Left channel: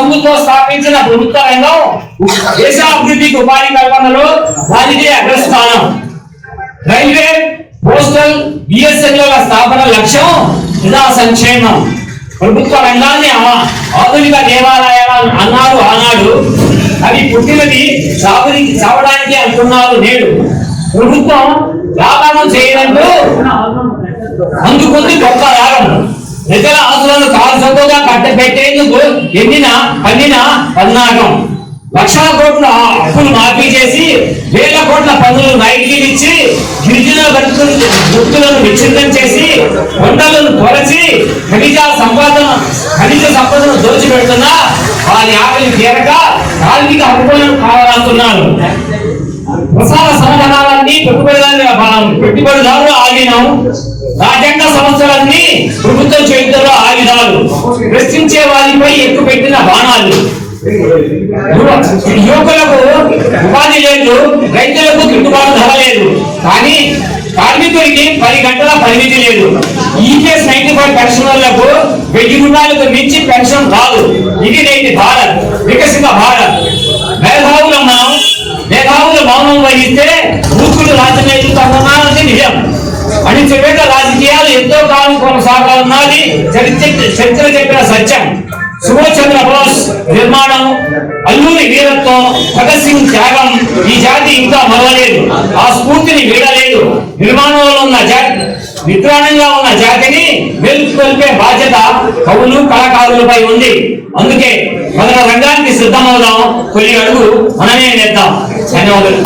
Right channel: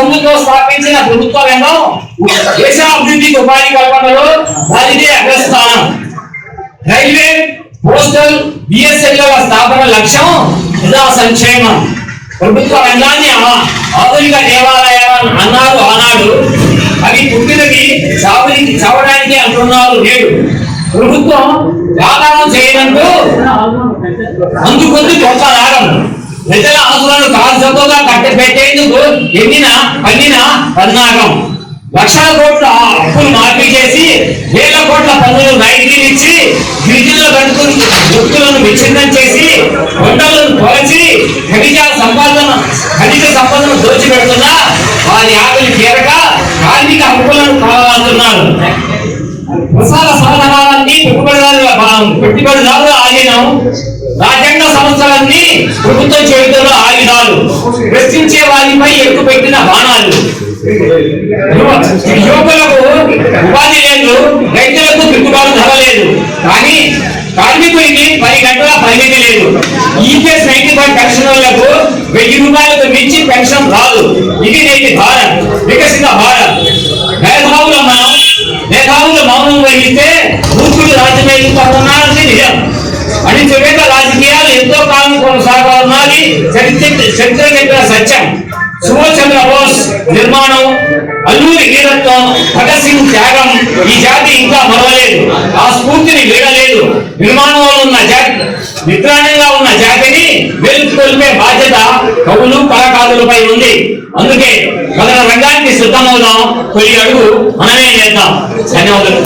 సొమ్ముతో స్థాపించిన ప్రభుత్వ రంగం దేశ అభివృద్ధికి ఉపాధి కల్పనలో దానికి అగ్రస్థానం. రైల్వే, పోస్టల్, బిఎస్ఎన్ఎల్ స్థాపన లక్ష్యం ప్రజా సంక్షేమం. ప్రభుత్వ రంగాన్ని ఆధునిక దేవాలయాలు అన్నారు ఆనాడు. అవి పుట్టినవి చావడానికి అంటున్నారు నేడు. ప్రభుత్వం వ్యాపారం చేయడంతో అందుకుంది గొప్ప లాభం. ప్రజల ఆశలను కాల్చొక్కగా కట్టబెట్టేందుకు పన్నిన పన్నాగం. లక్షల కోట్ల అప్పులు మాఫీ చేసి వేల కోట్ల పన్నులు నైతికి ఇచ్చి గిరిజనుల వ్యక్తులను విచ్ఛిన్నం చేసి కొండలను తొలచి ఖనిజ సంపదను దోచిపెడుతున్న వారి ఆకలి తీరక కార్మిక హక్కులను కావాలంటున్నారు. ప్రసార సాధనాలన్నీ పెట్టుబడిదారులు ఆగినాం. రాజ్యాంగ సంస్థలన్నీ ప్రభుత్వ చేతుల్లో ఆయుధాలు. ప్రశ్నించే వారిపై ఎక్కుపెట్టిన బాణాలు. యువకులకు ఉపాధి లేదు, రైతులకు గిట్టుబాటు ధర లేదు, కానీ కార్మికుడికి 10 గంటల పరిమితి లేదు. ఈపీఎస్ 95 పెన్షనర్లకు 1000 రూపాయలకు మించి పెన్షన్ రాదు. ఇది నేటి భారత్, వికసిత భారత్. మేధావులు మౌనం వహిస్తే మూర్ఖులు రాజ్యమేలుతామన్నది నిజం. అణిచివేత రాజకీయాలు ఎంతో కాలం కొనసాగాలన్నది చరిత్ర చెప్పిన సత్యం. సుభాష్ చంద్రబోస్ నిర్మాణం, అల్లూరి వీరత్వం, భగత్ సింగ్ త్యాగం ఈ జాతి ఇంకా మరవలేదు. ఆ స్ఫూర్తిని వీడలేదు. నిర్మాణంలో ఉన్న జాతి, నిద్రాణంగా ఉన్న జాతిని వెలుకొల్పే బాధ్యత కవులు, కళాకారులపై ఉంది. అందుకే కథన రంగానికి సిద్ధమవుదాం. తొలి అడుగు మనమే వేద్దాం. ధన్యవాదాలు.